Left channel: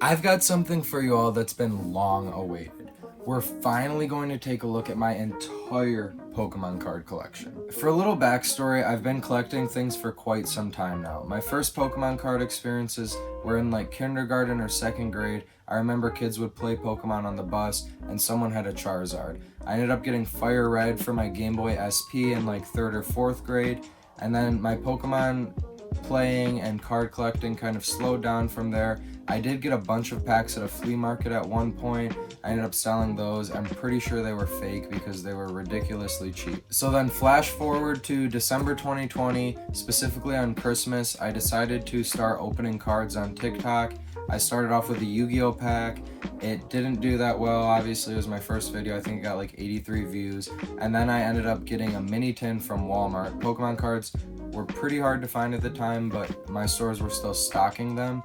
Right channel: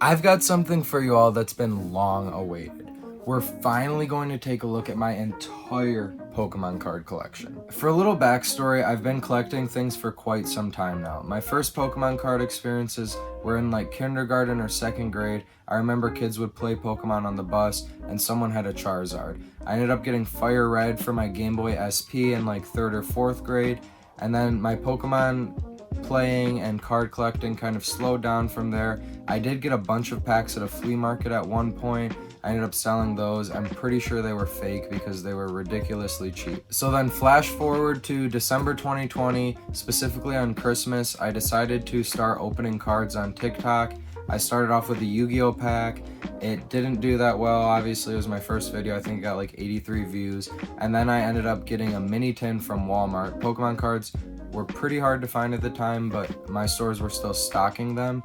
I've got something for you all that's been long awaited. We're finally going to take a look at my entire Pokemon card collection. For a little backstory, I've been collecting things for quite some time now. My first Pokemon card experiences were in like kindergarten or second grade. I remember kids would play Pokemon on the bus and someone had a Charizard. I ended up getting Fire Red for my Game Boy SP in like 3rd or 4th grade, and then my Pokemon playing and card collecting kind of slowed down from there. I did get a bunch of packs at a flea market at one point. I ended up selling those. I'm pretty sure they were fake because they were ridiculously cheap. So then flash forward to December 2020, specifically on Christmas, I decided to start opening cards on TikTok. I started off with a Yu-Gi-Oh pack. It didn't do that well, obviously. It was my first video. I think it got like 83 views. And then I ended up getting a mini tin from Walmart. Pokemon cards were pretty hard to find at the time, but my stores were still stocking them.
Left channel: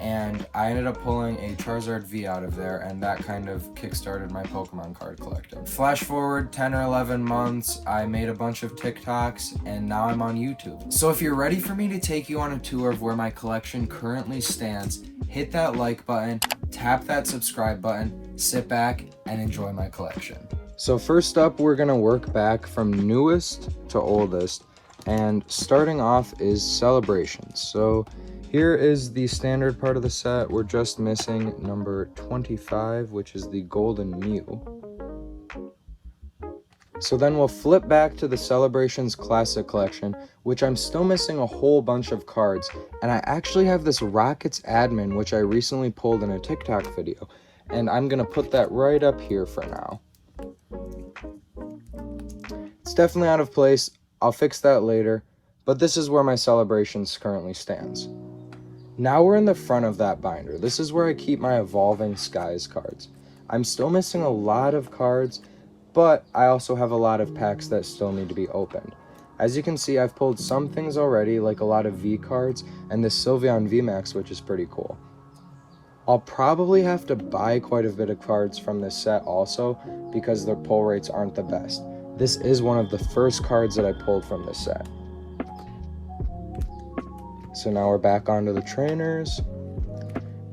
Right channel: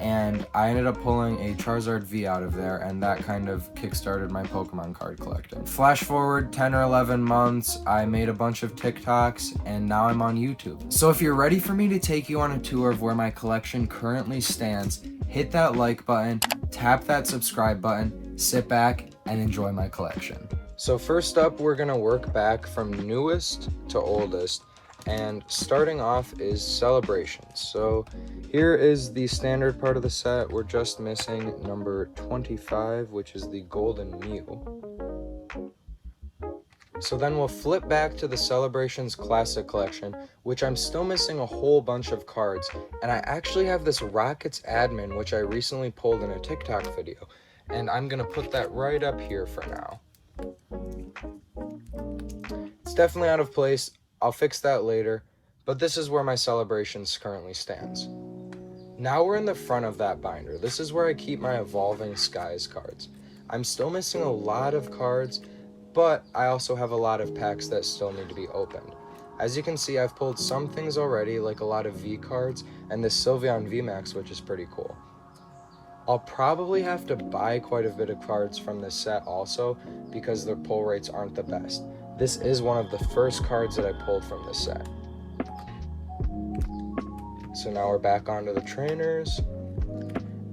And I ended up pulling a Charizard V out of there, and that kind of kickstarted my Pokemon card collecting. Flash forward 10 or 11 months, I made a bunch of TikToks, and now I'm on YouTube. So if you're ready for me to take you on a tour of where my collection currently stands, hit that like button, tap that subscribe button, sit back, and enjoy my collection. So first up, we're gonna work back from newest to oldest. And starting off is Celebrations. So here is the standard part of the set. We're just missing number 25, which is the Golden Mew. So then we'll flip back to the Celebrations Classic Collection, which I'm still missing a whole bunch of cards. And I actually have this Rockets admin, which I recently pulled in a TikTok video. And I'm gonna put that right up here for now. It's definitely out of place. I'll fix that later, but this is where my Celebrations currently stands. Now we're in the front of that binder. This is where I keep my Evolving Skies cards. I'm still missing a lot of cards, but I also have a lot of packs that still need to be opened. As you can see, I've pulled some things already, like a lot of V cards and this Sylveon VMAX, which is pretty cool. I'll probably have to buy quite a bit of cards from this set also, because their pull rates aren't the best. This is one of the first cards that I pulled from this set. So now we're back onto the trainers.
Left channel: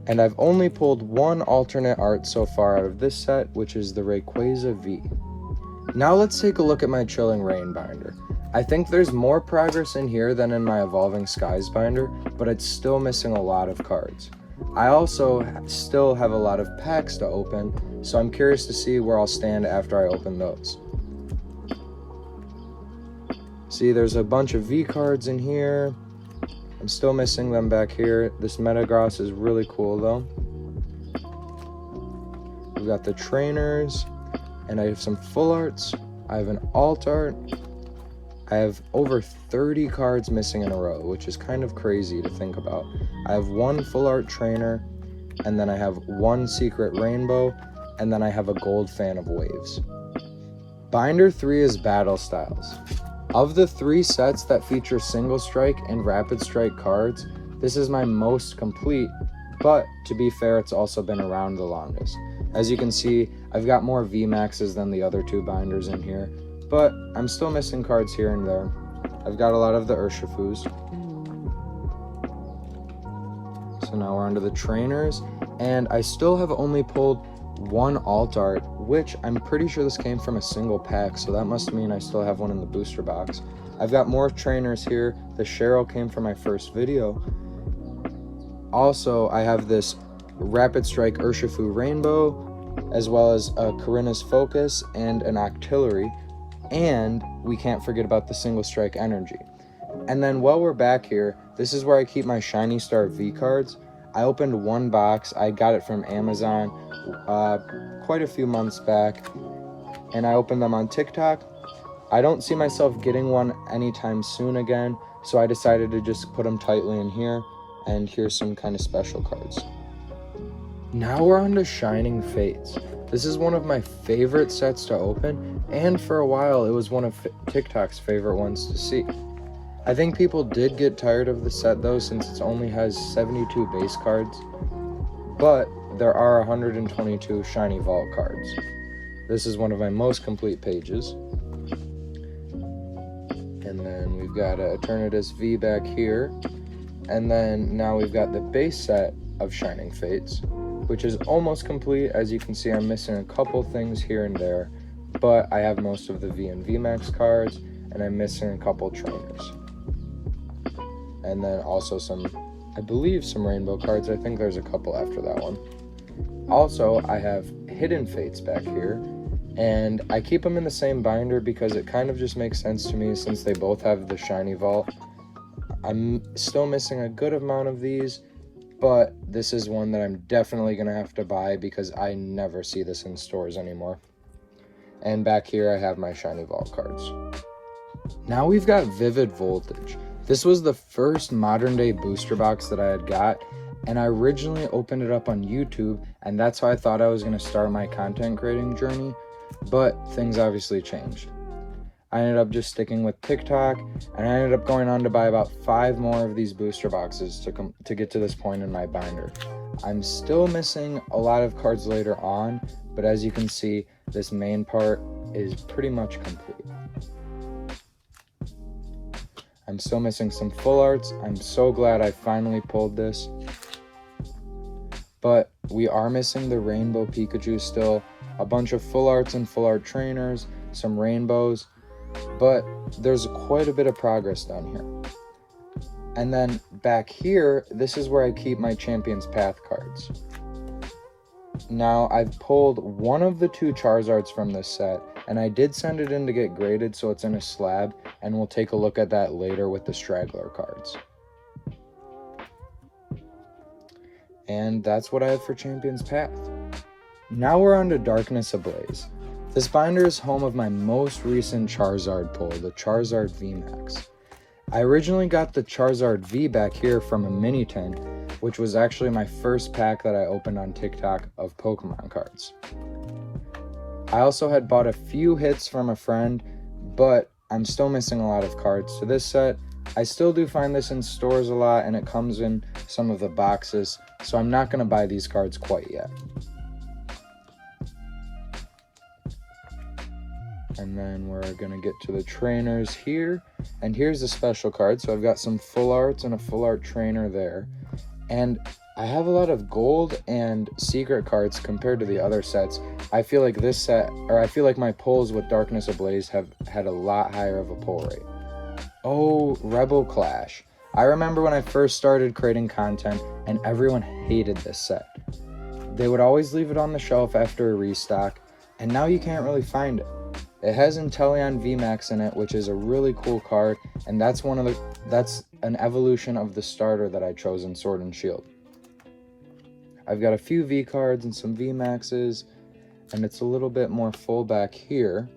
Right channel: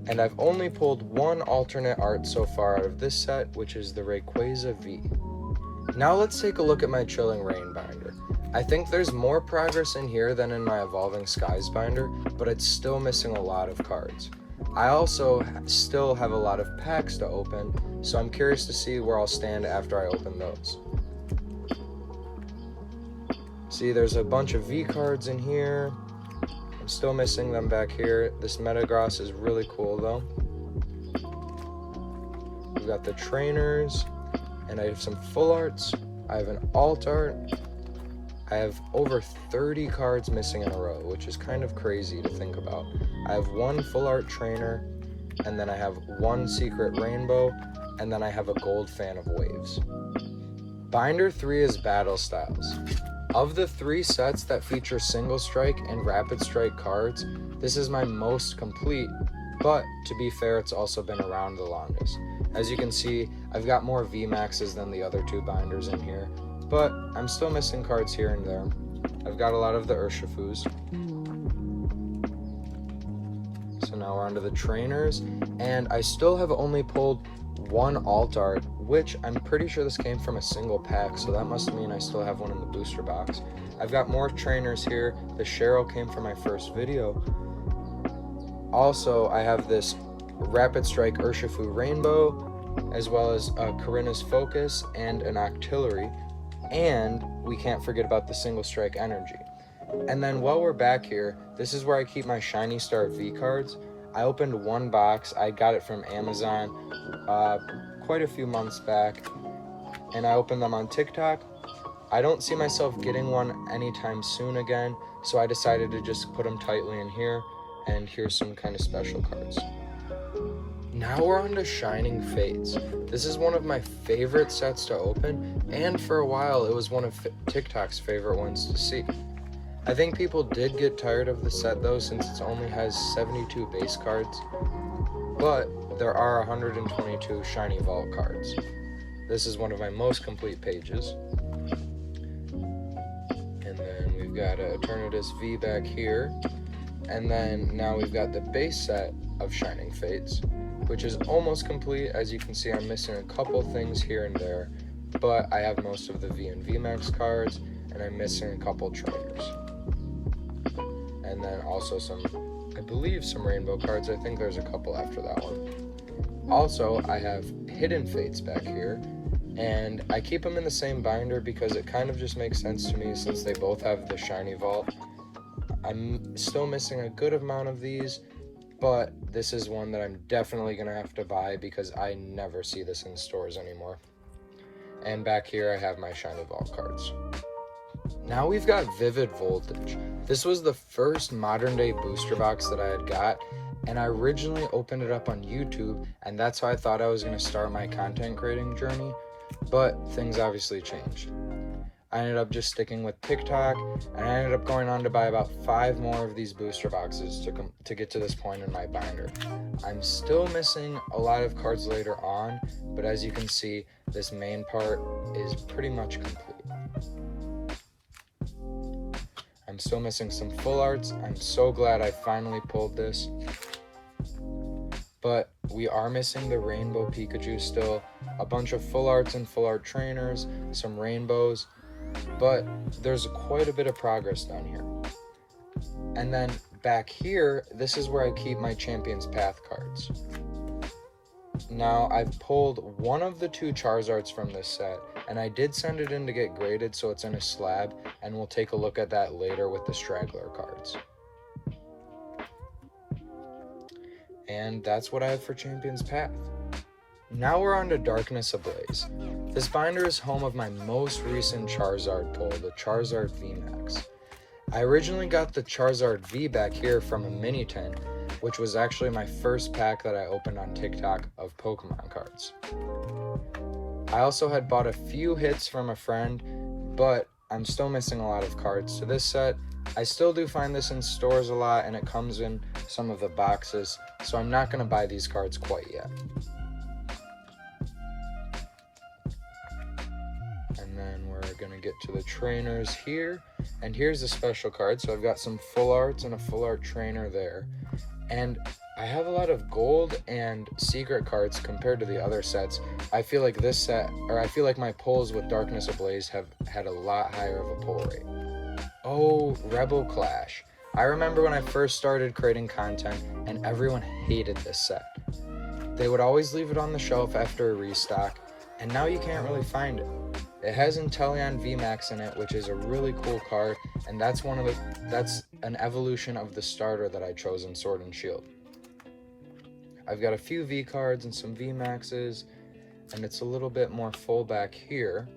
And I've only pulled one alternate art so far out of this set, which is the Rayquaza V. Now let's take a look at my Chilling Reign binder. I think there's more progress in here than in my Evolving Skies binder, but it's still missing a lot of cards. I also still have a lot of packs to open, so I'm curious to see where I'll stand after I open those. See, there's a bunch of V cards in here. I'm still missing them back here. This Metagross is really cool though. We got the trainers, and I have some full arts. I have an alt art. I have over 30 cards missing in a row, which is kind of crazy to think about. I have one full art trainer, and then I have one secret rainbow, and then I have a gold Fan of Waves. Binder 3 is Battle Styles. Of the 3 sets that feature Single Strike and Rapid Strike cards, this is my most complete, but to be fair, it's also been around the longest. As you can see, I've got more VMAXs than the other 2 binders in here, but I'm still missing cards here and there. I've got a lot of the Urshifus. So now we're onto the trainers, and I still have only pulled one alt art, which I'm pretty sure this came from a single pack, so that must mean I still have one in the booster box. I've got more trainers here. The Cheryl came from my first video. Also, I have this Rapid Strike Urshifu Rainbow, as well as a Karina's Focus and an Octillery, and we can't forget about the Single Strike Energy. And then while we're back here, this is where I keep my Shiny Star V cards. I opened one box. I got it from Amazon quite a few months back, and I opened them on TikTok. I don't see myself getting one anytime soon again, so I decided to just put them tightly in here, and here's some kind of special cards. Now we're on to Shining Fates. This is one of my favorite sets to open, and for a while it was one of TikTok's favorite ones to see. I think people did get tired of the set though, since it only has 72 base cards, but there are 122 Shiny Vault cards. This is one of my most complete pages. And then we've got Eternatus V back here. And then now we've got the base set, of Shining Fates, which is almost complete. As you can see, I'm missing a couple things here and there, but I have most of the V and VMAX cards, and I'm missing a couple trainers. And then also I believe some rainbow cards. I think there's a couple after that one. Also, I have Hidden Fates back here, and I keep them in the same binder because it kind of just makes sense to me since they both have the shiny vault. I'm still missing a good amount of these, but this is one that I'm definitely going to have to buy because I never see this in stores anymore. And back here I have my shiny vault cards. Now we've got Vivid Voltage. This was the first modern day booster box that I had got, and I originally opened it up on YouTube, and that's how I thought I was going to start my content creating journey, but things obviously changed. I ended up just sticking with TikTok, and I ended up going on to buy about 5 more of these booster boxes to get to this point in my binder. I'm still missing a lot of cards later on, but as you can see, this main part is pretty much complete. I'm still missing some full arts. I'm so glad I finally pulled this. But we are missing the Rainbow Pikachu still, a bunch of full arts and full art trainers, some rainbows, but there's quite a bit of progress down here. And then back here, this is where I keep my Champion's Path cards. Now, I've pulled one of the 2 Charizards from this set, and I did send it in to get graded, so it's in a slab, and we'll take a look at that later with the Straggler cards. And that's what I have for Champion's Path. Now we're on to Darkness Ablaze. This binder is home of my most recent Charizard pull, the Charizard VMAX. I originally got the Charizard V back here from a mini tin, which was actually my first pack that I opened on TikTok of Pokemon cards. I also had bought a few hits from a friend, but I'm still missing a lot of cards to this set. I still do find this in stores a lot, and it comes in some of the boxes, so I'm not going to buy these cards quite yet. And then we're going to get to the trainers here, and here's the special card. So I've got some full arts and a full art trainer there, and I have a lot of gold and secret cards compared to the other sets. I feel like this set, or I feel like my pulls with Darkness Ablaze have had a lot higher of a pull rate. Oh, Rebel Clash. I remember when I first started creating content and everyone hated this set. They would always leave it on the shelf after a restock, and now you can't really find it. It has Inteleon VMAX in it, which is a really cool card, and that's an evolution of the starter that I chose in Sword and Shield. I've got a few V cards and some VMAXs, and it's a little bit more full back here.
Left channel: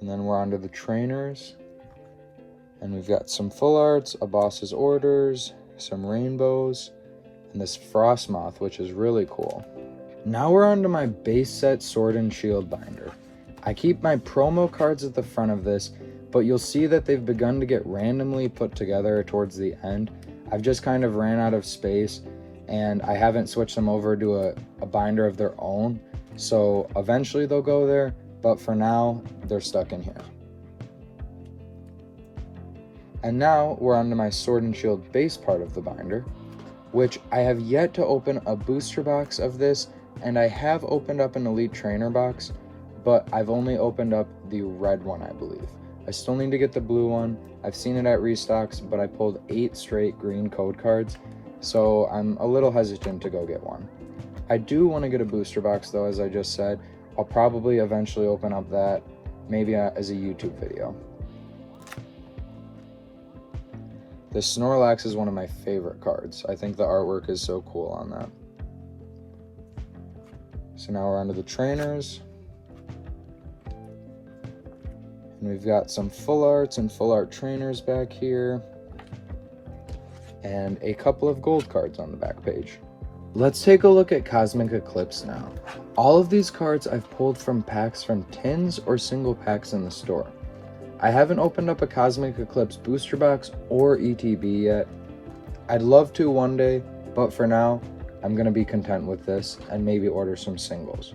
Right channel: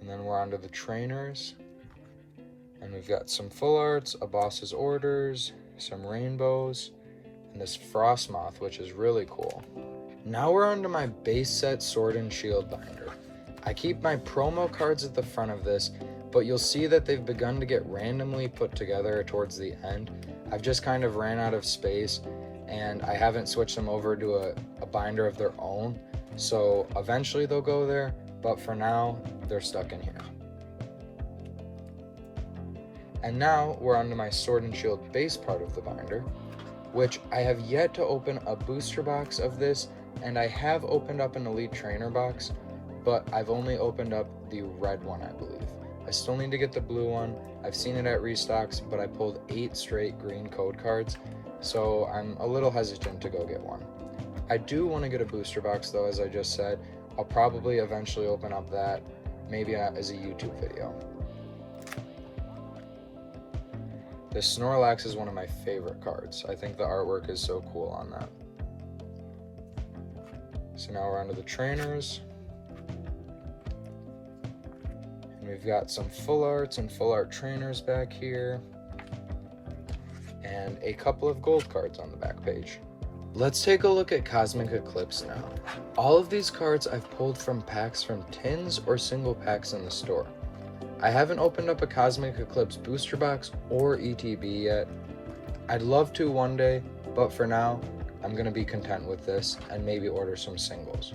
And then we're on to the trainers, and we've got some full arts, a boss's orders, some rainbows, and this Frostmoth, which is really cool. Now we're on to my base set Sword and Shield binder. I keep my promo cards at the front of this, but you'll see that they've begun to get randomly put together towards the end. I've just kind of ran out of space, and I haven't switched them over to a binder of their own, so eventually they'll go there, but for now, they're stuck in here. And now we're on to my Sword and Shield base part of the binder, which I have yet to open a booster box of this, and I have opened up an Elite Trainer box, but I've only opened up the red one, I believe. I still need to get the blue one. I've seen it at restocks, but I pulled 8 straight green code cards, so I'm a little hesitant to go get one. I do want to get a booster box though, as I just said. I'll probably eventually open up that, maybe as a YouTube video. The Snorlax is one of my favorite cards. I think the artwork is so cool on that. So now we're onto the trainers. And we've got some full arts and full art trainers back here, and a couple of gold cards on the back page. Let's take a look at Cosmic Eclipse now. All of these cards I've pulled from packs from tins or single packs in the store. I haven't opened up a Cosmic Eclipse booster box or ETB yet. I'd love to one day, but for now, I'm going to be content with this and maybe order some singles.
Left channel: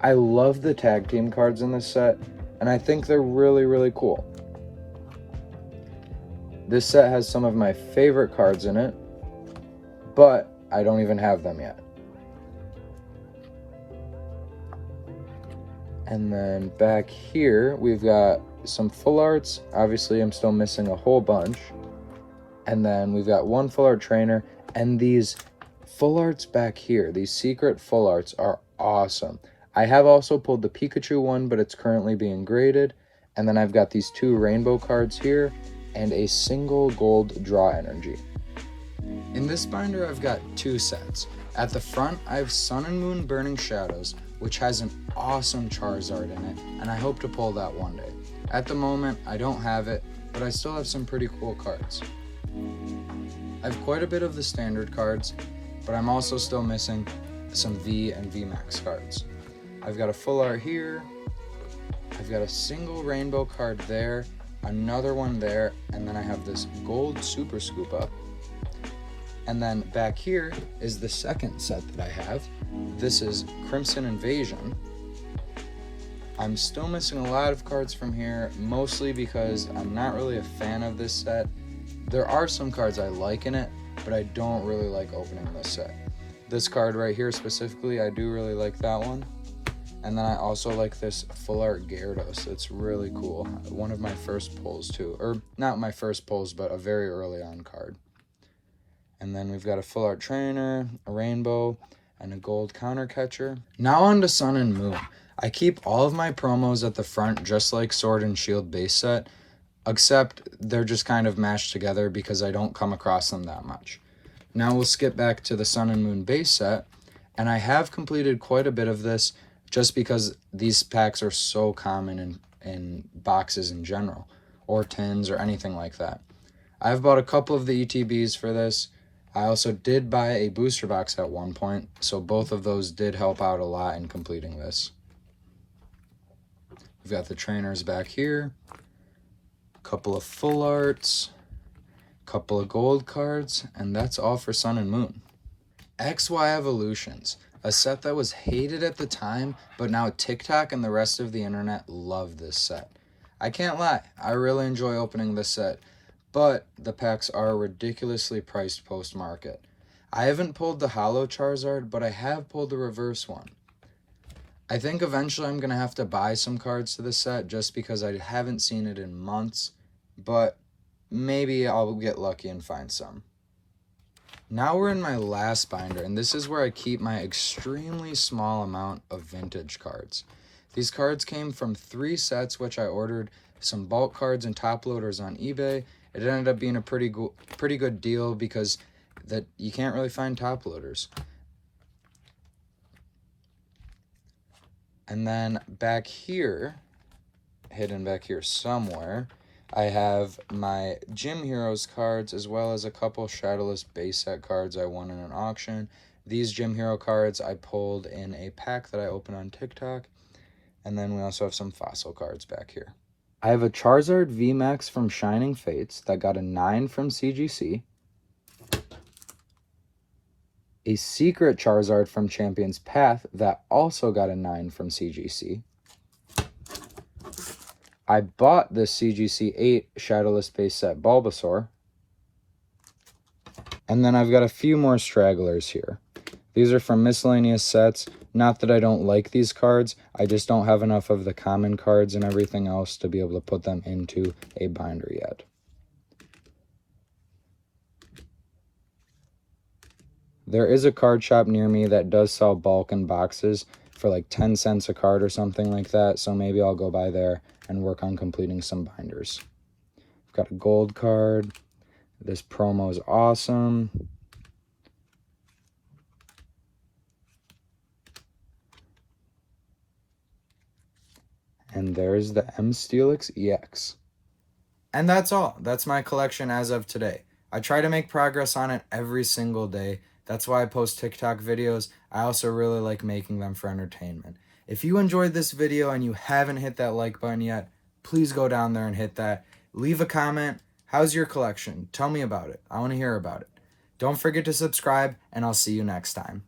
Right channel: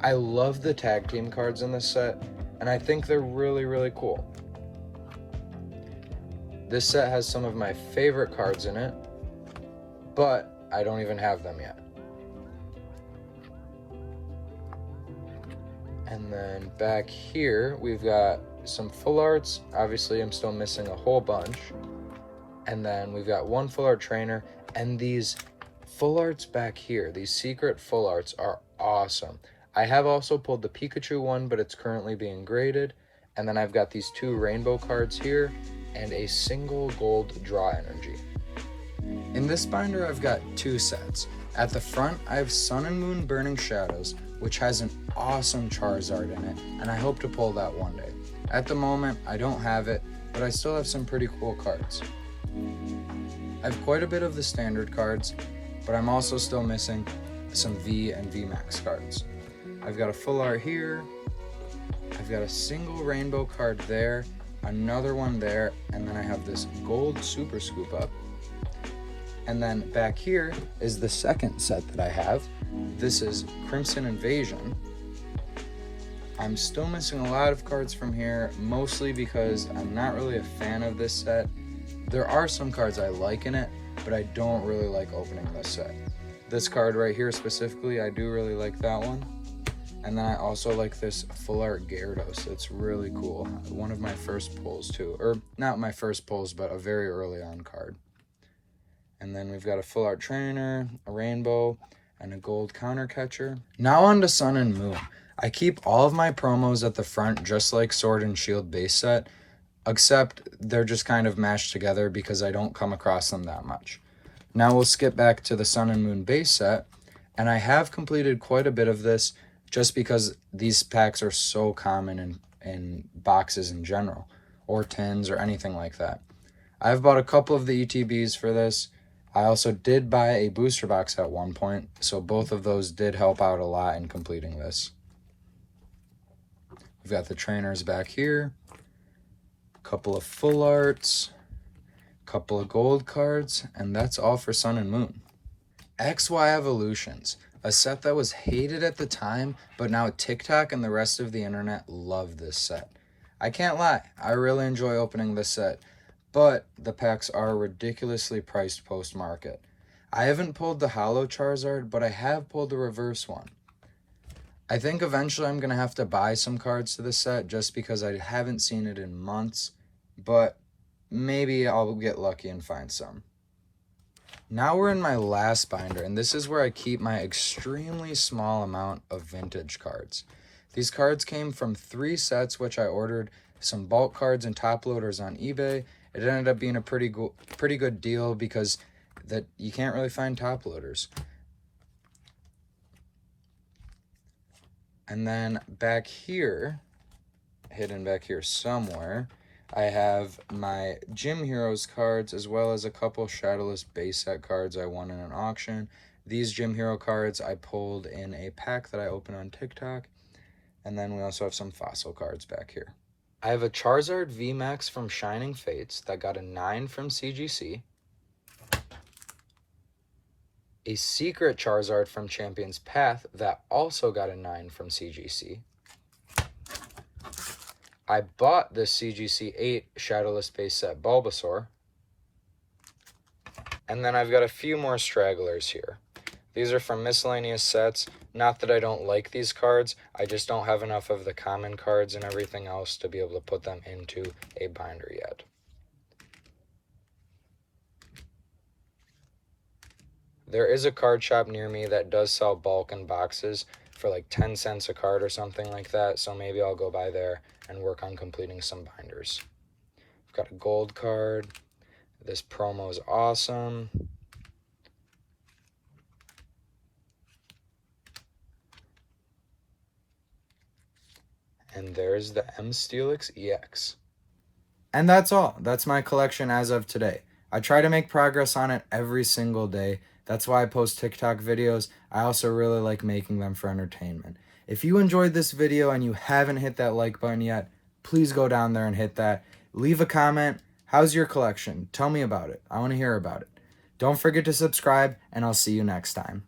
I love the tag team cards in this set, and I think they're really, really cool. This set has some of my favorite cards in it, but I don't even have them yet. And then back here, we've got some full arts. Obviously, I'm still missing a whole bunch. And then we've got one full art trainer, and these full arts back here, these secret full arts are awesome. I have also pulled the Pikachu one, but it's currently being graded. And then I've got these 2 rainbow cards here and a single gold draw energy. In this binder, I've got 2 sets. At the front, I have Sun and Moon Burning Shadows, which has an awesome Charizard in it, and I hope to pull that one day. At the moment, I don't have it, but I still have some pretty cool cards. I have quite a bit of the standard cards, but I'm also still missing some V and VMAX cards. I've got a full art here, I've got a single rainbow card there, another one there, and then I have this gold super scoop up. And then back here is the second set that I have. This is Crimson Invasion. I'm still missing a lot of cards from here, mostly because I'm not really a fan of this set. There are some cards I like in it, but I don't really like opening this set. This card right here specifically, I do really like that one. And then I also like this full art Gyarados. It's really cool. One of my first pulls too, or not my first pulls, but a very early on card. And then we've got a full art trainer, a rainbow, and a gold counter catcher. Now on to Sun and Moon. I keep all of my promos at the front just like Sword and Shield base set, except they're just kind of mashed together because I don't come across them that much. Now we'll skip back to the Sun and Moon base set, and I have completed quite a bit of this just because these packs are so common in boxes in general, or tins or anything like that. I've bought a couple of the ETBs for this. I also did buy a booster box at one point, so both of those did help out a lot in completing this. We've got the trainers back here, a couple of full arts, a couple of gold cards, and that's all for Sun and Moon. XY Evolutions, a set that was hated at the time, but now TikTok and the rest of the internet love this set. I can't lie, I really enjoy opening this set, but the packs are ridiculously priced post-market. I haven't pulled the Holo Charizard, but I have pulled the reverse one. I think eventually I'm going to have to buy some cards to this set just because I haven't seen it in months, but maybe I'll get lucky and find some. Now we're in my last binder, and this is where I keep my extremely small amount of vintage cards. These cards came from 3 sets, which I ordered some bulk cards and top loaders on eBay. It ended up being a pretty good deal because that you can't really find top loaders. And then back here, hidden back here somewhere, I have my Gym Heroes cards as well as a couple Shadowless base set cards I won in an auction. These Gym Hero cards I pulled in a pack that I opened on TikTok. And then we also have some fossil cards back here. I have a Charizard VMAX from Shining Fates that got a 9 from CGC. A secret Charizard from Champion's Path that also got a 9 from CGC. I bought this CGC 8 Shadowless base set Bulbasaur. And then I've got a few more stragglers here. These are from miscellaneous sets. Not that I don't like these cards, I just don't have enough of the common cards and everything else to be able to put them into a binder yet. There is a card shop near me that does sell bulk and boxes for like 10 cents a card or something like that, so maybe I'll go by there and work on completing some binders. I've got a gold card. This promo is awesome. And there's the M-Steelix EX. And that's all. That's my collection as of today. I try to make progress on it every single day. That's why I post TikTok videos. I also really like making them for entertainment. If you enjoyed this video and you haven't hit that like button yet, please go down there and hit that. Leave a comment. How's your collection? Tell me about it. I want to hear about it. Don't forget to subscribe, and I'll see you next time.